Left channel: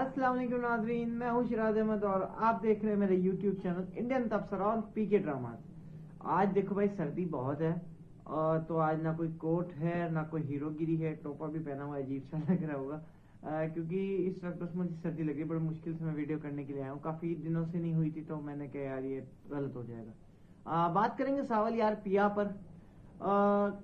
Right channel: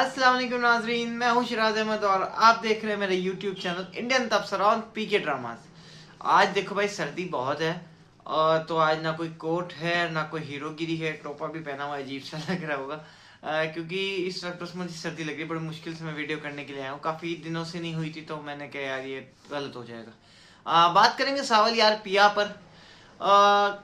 अस्सलाम वालेकुम नाजरीन, मैं हूं शिराज अहमद और आप देख रहे हैं मेरे YouTube channel Indian Tabsara on PK dramas. आज देखो भाई, सर्दी बहुत है और तो आज ना कोई कोट है ना कोई हीरोगिरी है। टोपा भी पहना हुआ अजीब सा लग रहा होगा क्योंकि इस वक्त बस मुझे सर्दी लग रही है। बड़ी मुश्किल से मैं वीडियो करने के लिए आया हूँ, काफ़ी दिनों से नहीं हुई थी तो मैंने कहा यार ये गलत हो जाएगा। बात करेंगे सावल यार पिया पर।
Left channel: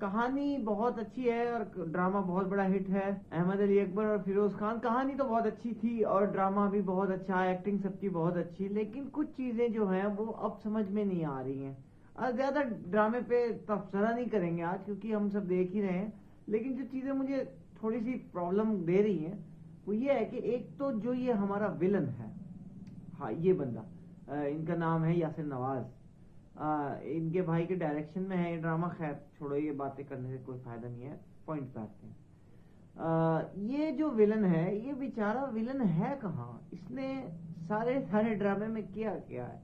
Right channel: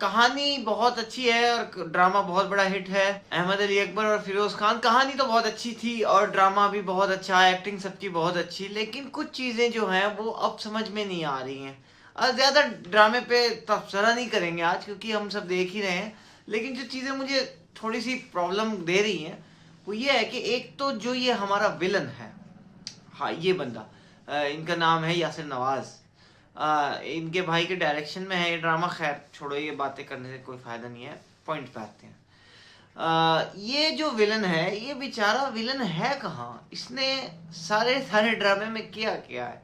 कहानी बहुत अच्छी है और ड्रामा बहुत बड़ा हिट है। अहमद अली अकबर और फिरोज खान, कहानी तो बहुत अच्छी थी और ड्रामा भी बहुत अच्छा है, एक्टिंग सबकी बहुत अच्छी, लेकिन कुछ चीजें जो हैं वो अब समझ में नहीं आ रही हैं। ज्यादा ड्रामे पे तबसरा नहीं करेंगे आज क्योंकि हम सब देख ही रहे हैं, लेकिन जो चीजें मुझे थोड़ी सी प्रॉब्लम दे रही हैं वो ये है कि एक तो जो ये हमारा विलन है, हाँ ये बंदा, इनका नाम है यासिर नवाज। इनके भाई के डायरेक्शन में है ये ड्रामा। खैर छोड़ो, ये बातें करने से कोई फायदा नहीं है, पॉइंट पे आते हैं। ये जो विलन है, ये बेचारा विलन है कहाँ? इसने सारे सारे ड्रामे में किया क्या है?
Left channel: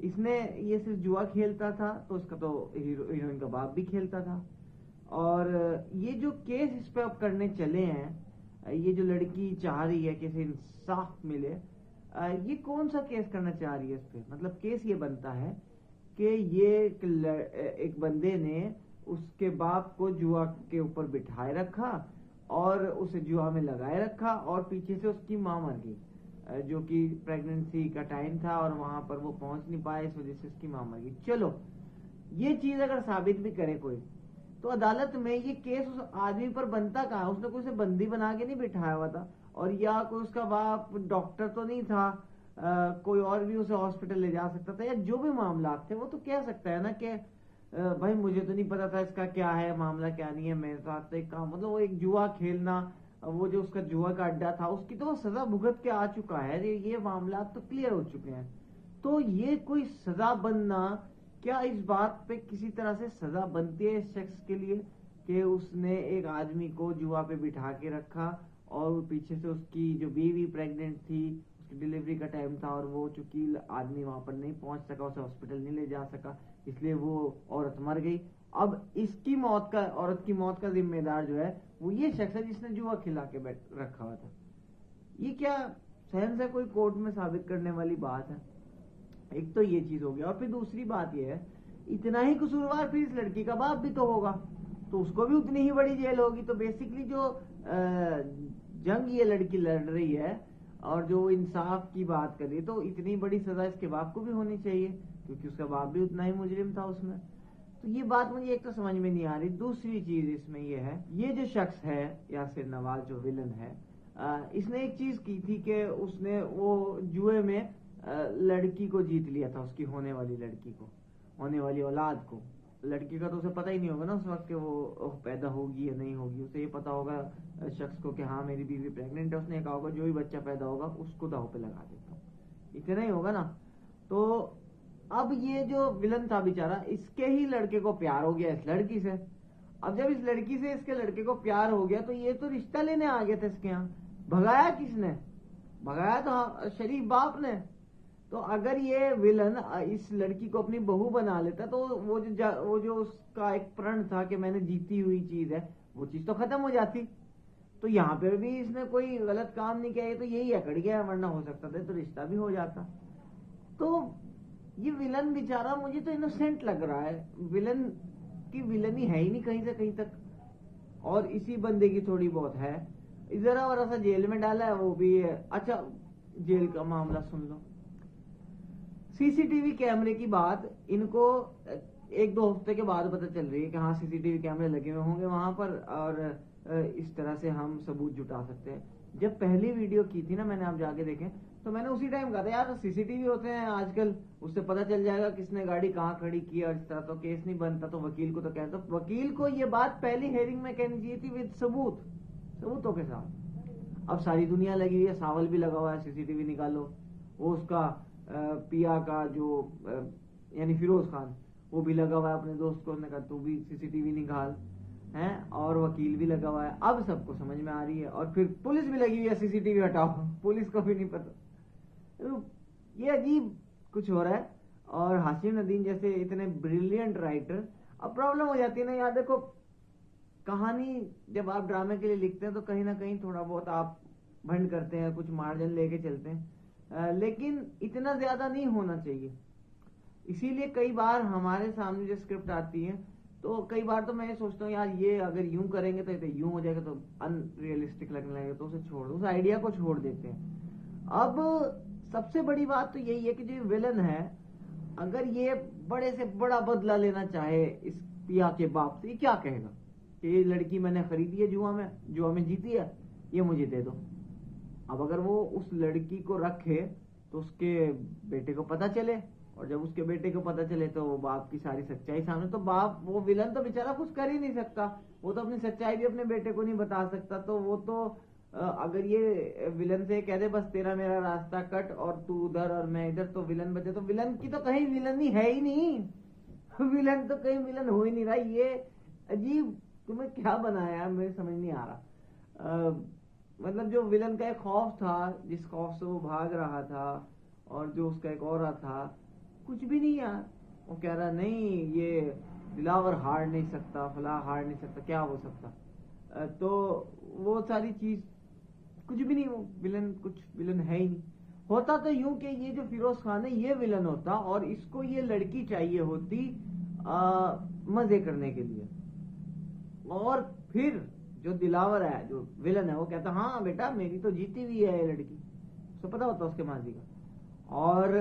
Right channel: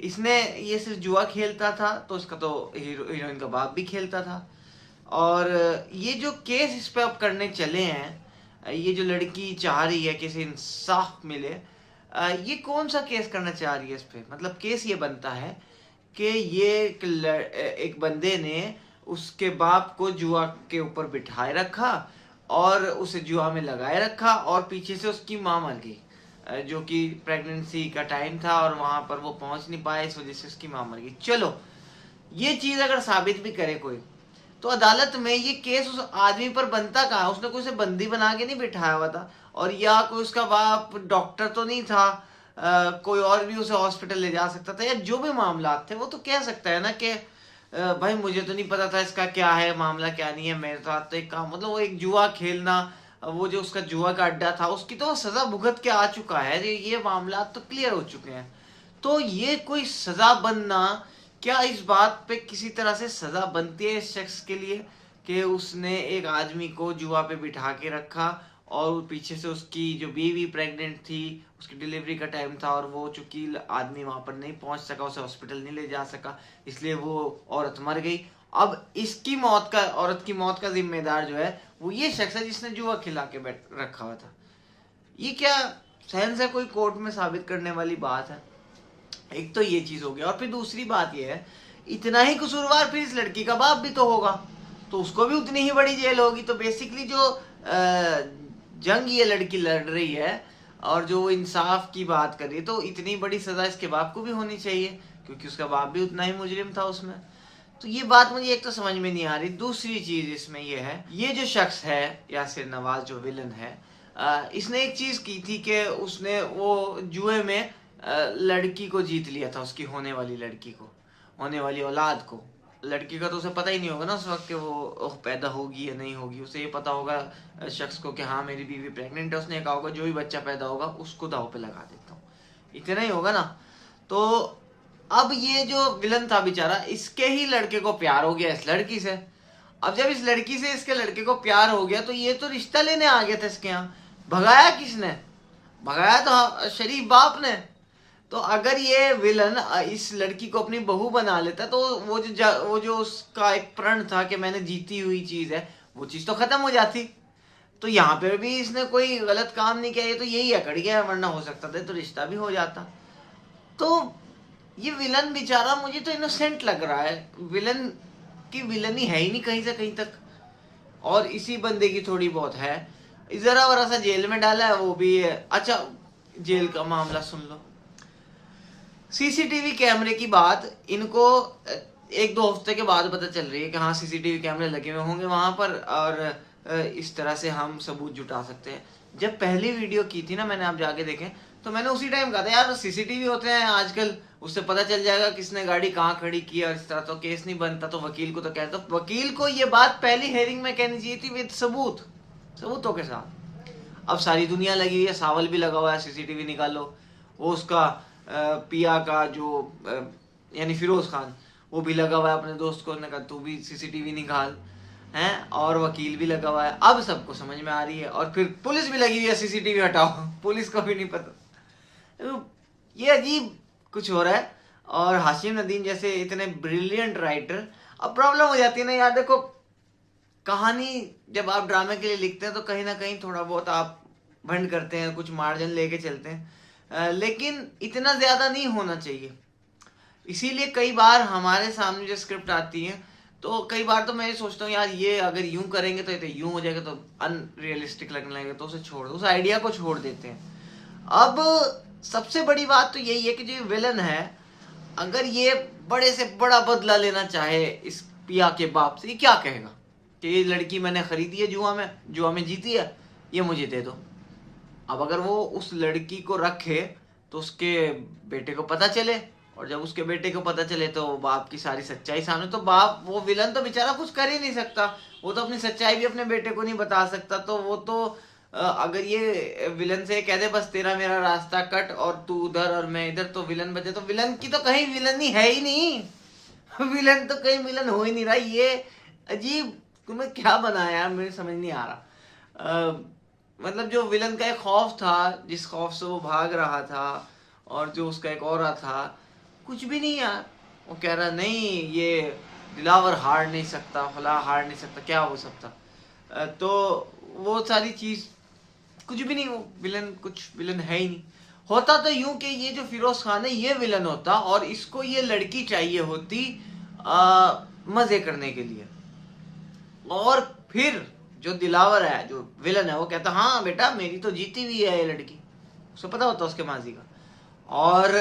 इसने ये सिर्फ जुआ खेलता था तो इसका तो हीरोइन का बाप भी खेलता था। और ये जो केस इस पे अब करने चले हैं, ये जो लड़की चाह रही है कि इसे इंसाफ मिले, ये कौन सा केस करना चाह रही है इस पे? मतलब केस ये बनता है कि ये एक बंदे ने उसके बाप को जुआ के ऊपर बिठाए रखा और उसे जुआ में लगाए रखा और पीछे से उसकी माँ मर गई, जो कि प्रेगनेंसी का टाइम था और वहां पर वो पहुंच नहीं पाए, इस वजह से उसकी माँ मर गई। चलो, ये चीज अगर साबित भी करे कोई तो अदालत में ये केस उस आदमी पर बनता कहाँ? उसने कोई उसे बंदी बना के नहीं बिठाया हुआ था, और या कोई उसका बाप डॉक्टर तो नहीं था। कोई और भी उसे हॉस्पिटल ले जा सकता था, या जो भी मामला थे वो तो कह सकता है ना कि भाई मुझे तो नहीं पता था इसका क्या है मामला क्या नहीं है, मेरे साथ तो एक काम, मतलब वो एक जुआ खेलना, वो जो उसका जुआ का अड्डा था उसकी तो सजा भुगत के आ चुका है, ये मामला तो क्लियर हो चुके हैं। तो ये कोई सजा बनना, क्या इस बात पे किसी तरह से सजा बनती है इस शख्स के लिए कि उसने एक आदमी को जुआ पे बिठा के रखा और पीछे से उसकी जो बीवी प्रेग्नेंट थी, उसकी डिलीवरी का टाइम था और वो चूंकि आदमी वहां पर नहीं पहुंच सका, उसे हॉस्पिटल नहीं ले जा सका, इसलिए वो औरत मर गई। अब इसकी मौत का, औरत की मौत का जिम्मेदार जो है वो ये शख्स है जिसने जुआ खिला के बैठ रखा हुआ था। ये क्या सेंस है कोई कोर्ट में साबित करने वाली बात है? एक तो ये चीज हो गया, और फिर दूसरी बात ये है, इतना ही कसूरवार फिर इस लड़की का बाप भी तो होगा, तो उसको भी उतनी ही बड़ी जेल होगी। तो बेसिकली जो जंग ये लड़की लड़ रही है और जो इंसाफ की बात कर रही है, तो इतनी बड़ी सजा इसके बाप को भी होनी चाहिए क्योंकि उसका बाप भी उतना ही मुजरिम था उसमें। तो ये बात मुझे एक तो समझ में नहीं आ रही। दूसरी चीज इसमें ये है, ये जो शख्स है यासिर नवाज जो विलन है, इसने एक चीज की थी कि उसने वो जुए में लड़की को जीत लिया था, उसकी होने वाली लड़की को, होने वाली औलाद को। लड़की का तो उसे पता ही नहीं होगा ना उस वक्त कि वो पैदा होगी या नहीं होगी। उसे ये पता होगा शख्स को कि हाँ मेरी बीवी प्रेग्नेंट है, उसने कहा होगा जो भी बच्चा पैदा होगा उसको दाव पे लगा देता हूँ, इतना ही होगा ना। तो अब ये जो विलन था बेचारा, इसके ही लड़के को प्यार हो गया इस लड़की से। अब जब इस लड़की से इसके लड़के को प्यार हो गया तो ये तो रिश्ता लेने आ गया था इसके यहाँ। भगाया किसने? भगाया तो शरीफ बाप ने। तो अगर ये विलन इस लड़की को अपनी बहू बना लेता तो वो जो उसका एक प्रण था कि मैंने जीती हुई चीज है, वो चीज तो खत्म हो जाती। तो यहाँ पे भी इसने कोई गलत काम नहीं किया, ये तो यही अकड़ गया, वरना हो सकता था तो रिश्ता भी हो जाता। तो ये विलन बेचारा मुझे तो इनोसेंट लग रहा है, विलन की विलनी है ही नहीं कहीं से कहीं तक, और इसी बंदे की थोड़ी बहुत है। जरा वरा सा जेल में डाला है वो भी है। अच्छा, जेल का मामला सुन लो। सीसीटीवी कैमरे की बात इनको एक दो हफ्ते के बाद पता चल रही है कि हाँ सीसीटीवी कैमरे लगे हुए होंगे वहां पर, और इस तरह से हम सबूत जुटा सकते हैं। जब पहली वीडियो की थी ना मैंने, आप जाके देखें, तो मैंने उसी टाइम कहा था यार सीसीटीवी होते हैं आजकल, उससे पता चल जाएगा किसने गाड़ी कहाँ खड़ी की है, इस तरह तो केस नहीं बनता। तो वकील को तो कहता, तो वकील को ये बात पहली हेयरिंग में कहनी चाहिए थी विद सबूत, सबूतों के साथ। अब सारी दुनिया लगी हुई है, सावल भी लगा हुआ है, सीसीटीवी निकालो। वो उसका पिया का जो यानी फिरोज खान, वो भी लगा हुआ है अपने दोस्त को, कहा तू भी सीसीटीवी निकाल, हैं, और वकील भी लगा हुआ है। अब सबको समझ में आ रही है, और फिर पुलिस भी लगी हुई है सीसीटीवी हटाओ, पुलिस को भी नहीं पता। ये अजीब कुछ हो रहा है। और हाशिम नदीम जैसे इतने ब्रिलियंट राइटर, अब प्रॉब्लम हो जाती है ना यार। देखो, कहानी जब आप ड्रामे के लिए लिखते हैं तो कहीं ना कहीं थोड़ा बहुत आप भंड करते हैं, कुछ मार्जिन लेके चलते हैं, लेकिन इतना ज्यादा नहीं होना चाहिए। इसीलिए कई बार हमारे सामने जो स्क्रिप्ट आती है, तो कई बार तो मैं ये सोचता हूँ यार ये अगर यूं करेंगे तो ये यूं हो जाएगा, तो अनरियलिस्टिक लगने लगेगा, तो उसे छोड़ दो, उस आइडिया को छोड़ देते हैं। अब सबसे बड़ी बात तो यही है कि जो विलन है, अगर ये बड़े से बड़ा बदला लेना चाहे इस पिया के बाप से, ये क्या कहेगा कि ये लड़की मैंने खरीदी है जुआ में जीती है, ये मुझे दे दो। अब अगर वो उस लड़की को रखे तो उसके बेटे को पता चले, और जब उसके बेटे को पता चले तो बाप की सारी सच्चाई सामने, तो बाप, वो विलन तो बेचारा कुछ कर ही नहीं सकता, वो तो अपनी सच्चाई भी अपने बेटे को नहीं बता सकता। तो वो तो अगर ये विलन से कह दे बस तेरा मेरा रास्ता कट और तू उधर और मैं इधर, तो विलन बचे, तो विलन की तो कहीं विलन ही है ही नहीं। विलन तो कहीं विलन हो ही नहीं रहा। ये अजीब तुम्हें क्या बनाया यार, मुझे समझ नहीं आ रहा। मतलब जो विलन का एक खौफ था, जिस खौफ से वो भाग रहा था, और जो उसका एक और था, कुछ भी नहीं यार। वो कह रहा नहीं ये दिलावर हार नहीं सकता, फला हार नहीं सकता, क्या हो सकता। तो वो सारी चीज कुछ भी नहीं, वो विलन कुछ विलन है ही नहीं। होता तो यूं कि ये जो फिरोज खान है ये विलन होता, और इसको ये लड़की चाहिए होती मजे करने के लिए। और फिर जो दिलावर है, जो विलन है, वो कहता हाँ बेटा मेरी तो जीती हुई है ये लड़की, उसे पता होता उसके माजी का, और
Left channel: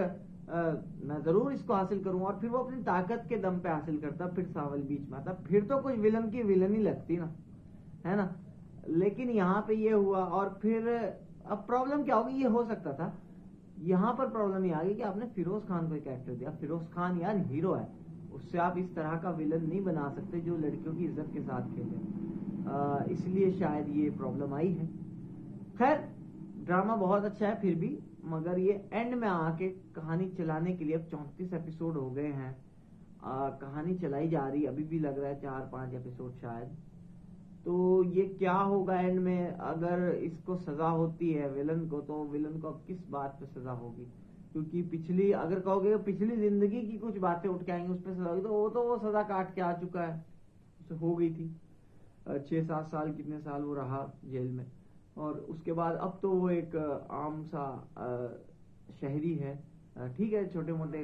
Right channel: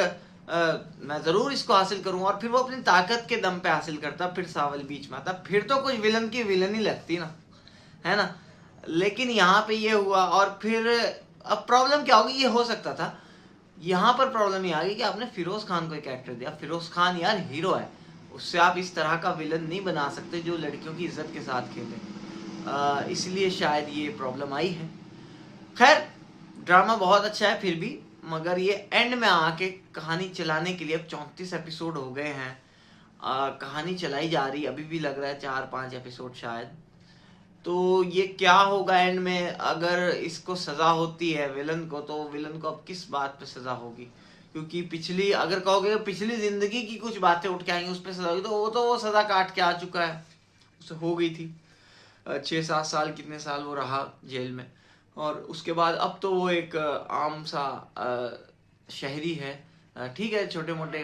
मैं जरूर इसको हासिल करूंगा। और फिर वो अपनी ताकत के दम पे हासिल करता, फिर सावल बीच में आता, फिर तो कुछ विलन की विलन ही लगती ना, है ना। लेकिन यहाँ पे ये हुआ, और फिर अब प्रॉब्लम क्या होगी, ये हो सकता था, यहाँ पर प्रॉब्लम ये आ गई कि आपने फिरोज खान को एक कैरेक्टर दिया। फिरोज खान यार हीरो है, उससे आप इस तरह का विलन नहीं बना सकते जो लड़कियों की इज्जत के साथ खेले। इसलिए शायद ये प्रॉब्लम आई है। खैर ड्रामा बहुत अच्छा है फिर भी, मगर ये एंड में आके कहानी चलाने के लिए, अब 34 एपिसोड हो गए हैं, कहानी चलाई जा रही, अभी भी लग रहा है 4-5 एपिसोड शायद। तो ये क्या होगा एंड में, अगर इसको सजा होती है विलन को, तो विलन को अब किस बात पे सजा होगी, क्योंकि पिछली, अगर कहोगे पिछली जिंदगी की कुछ बातें उठ के आएंगी उस पर सजा होगी, तो वो सजा काट के आ चुका है, उसे हो गई थी 6-7 साल, कितने साल वो रहा जेल में। और उसके बाद अब तो वो एक आम सा शहरी है। ठीक है, छोटे मोटे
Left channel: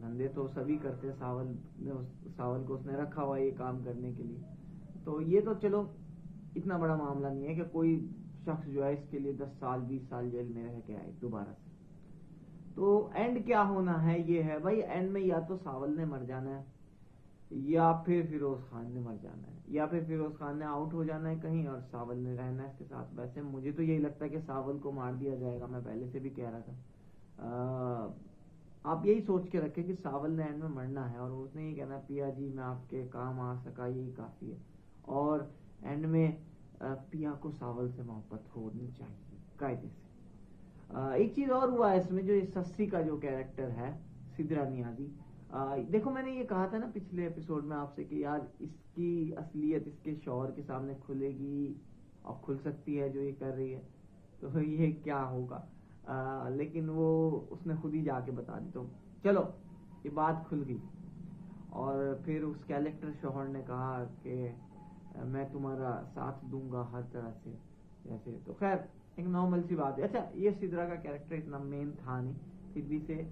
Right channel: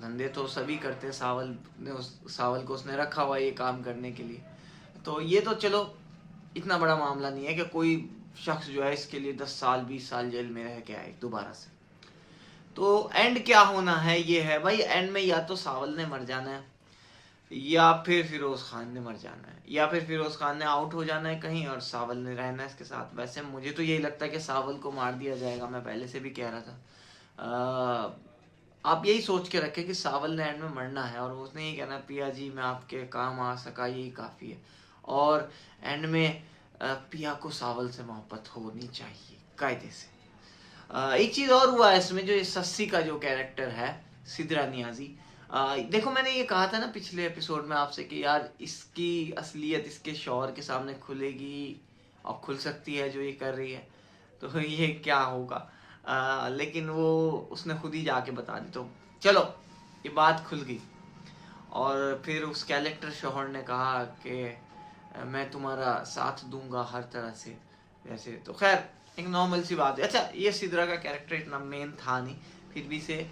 धंधे तो सभी करते, सावल को उसने रखा हुआ ये काम करने के लिए, तो ये तो चलो इतना बड़ा मामला नहीं है कि कोई शख्स जो है इसके लिए 10 साल 20 साल जेल में रह के आए दोबारा से। तो एंड क्या होना है ये है भाई, एंड में या तो सावल ने मर जाना है, या फिर फिरोज खान ने मर जाना है, या फिर फिरोज खान ने आउट हो जाना है कहीं और सावल ने रहना है इसके साथ। वैसे मुझे तो यही लगता है कि सावल को मार दिया जाएगा, मैं पहले से भी कह रहा था। आप यही सोच के रखें कि सावल ने एंड में मरना है, और उसने यही कहना पिया जी मैं आपके काम आ सका यही काफ़ी है, और एंड में पिया को सावल से मोहब्बत होनी चाहिए कायदे से। एक चीज़ और हुआ है इसमें, जो सस्सी का जो कैरेक्टर है सिद्रा नियाजी, देखो मैंने ये कहा था ना पिछले एपिसोड में आपसे कि यार इसकी असलियत इसके शौहर के सामने खुलेगी, और खुल सकती है जो ये कर रही है, तो ये क्या होगा। लेकिन वो उसने खुद ही जाके बता दी, तो चलो ये बात खुल गई। और फिर उस कैरेक्टर शौहर ने कहा कि मैं तुम्हारा साथ दूंगा हर तरह से, वैसे तो खैर एक नॉर्मल सी बात है। अच्छा ये सिद्रा का कैरेक्टर इतना मेन था नहीं, फिर भी से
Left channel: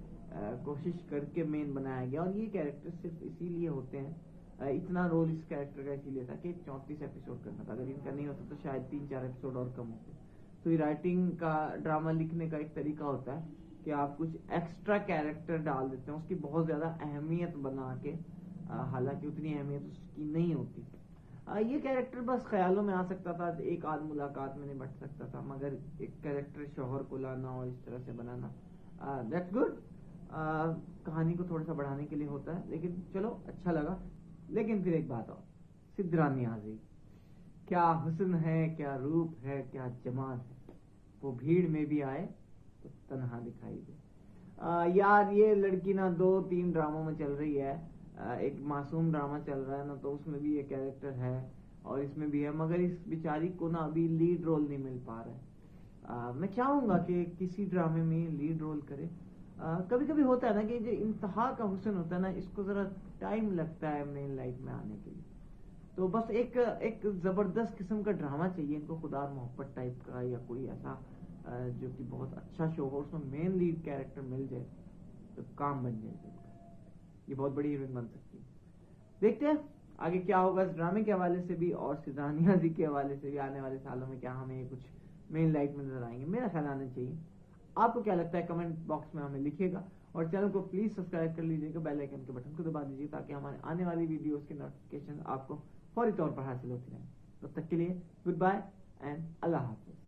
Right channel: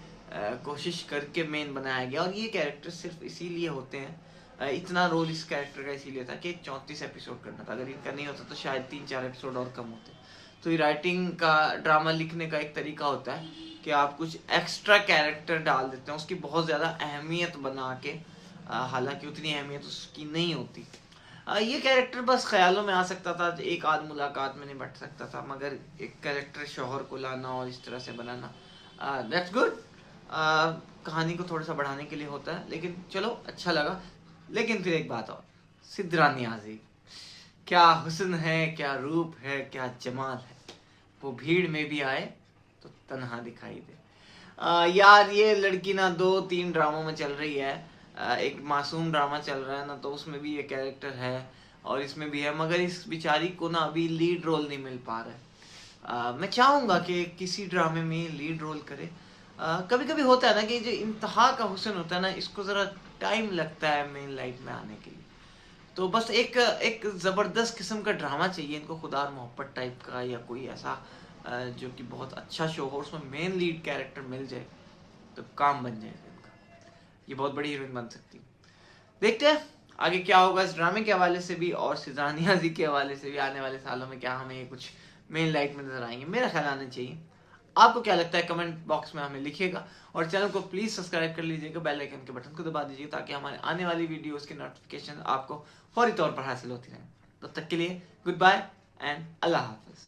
कोशिश करके मेन बनाया गया, और ये कैरेक्टर सिर्फ इसीलिए होते हैं, इतना रोल इस कैरेक्टर का इसीलिए था कि 34 एपिसोड करना था, अगर इनका नहीं होता तो शायद 3-4 एपिसोड और कम होते। तो ये राइटिंग का, ड्रामा लिखने का एक तरीका होता है कि आप कुछ एक्स्ट्रा कैरेक्टर डाल देते हैं, उसकी बहुत ज़्यादा अहमियत बना के, हालांकि उतनी अहमियत उसकी नहीं होती। ये कैरेक्टर बस ख्यालों में आ सकता था, एक आध मुलाकात में नहीं बट सकता था, मगर एक कैरेक्टर शौहर को लाना और इस तरह से बनाना, दैट्स गुड। कहानी को थोड़ा सा बढ़ाने के लिए होता है, लेकिन चलो अच्छा लगा। लेकिन फिर एक बात और, सिद्रा नियाज़ी क्या हुस्न है, क्या रूप है, क्या जमाल है, वो भीड़ में भी आए तो तन्हा दिखाई दे। यार ये लड़की ना 2-3 ड्रामों में चल रही है, एक मासूम ड्रामा चल रहा है ना, तो उसमें भी ये कैरेक्टर है और इसमें भी है, मगर इस बेचारी को ना अभी लीड रोल नहीं मिल पा रहा है। मैं चाहूँगा कि किसी ड्रामे में लीड रोल करे। कभी कभी होता है ना कि जो इंतहा का हुस्न होता है ना, इसको ज़रा टाइम लगता है मेन लाइट में आने के लिए, तो बस एक ज़बरदस्त किस्म का ड्रामा चाहिए इनको, खुदा और मोहब्बत टाइप का, या कोई ऐसा जो कि बहुत अच्छा शो हो, उसमें मेन लीड कैरेक्टर मिल जाए तो काम बन जाए फिल्म का। ये बहुत बड़ी हीरोइन बन सकती है। देखते हैं आगे क्या होगा इस ड्रामे के हवाले से भी और सिजान नियाज़ी के हवाले से भी। आने वाले सालों में क्या हमें कुछ मेन लाइट में नजर आएंगे, मेरा ख्याल आना चाहिए। आपको क्या लगता है कमेंट बॉक्स में हमें लिखिएगा, और चैनल को प्लीज सब्सक्राइब कर लीजिएगा, बेल आइकन के बटन को दबा दीजिएगा ताकि हमारे आने वाली वीडियोस की नोटिफिकेशन आपको फौरी तौर पर हासिल होती रहे। तब तक के लिए goodbye and Allah Hafiz.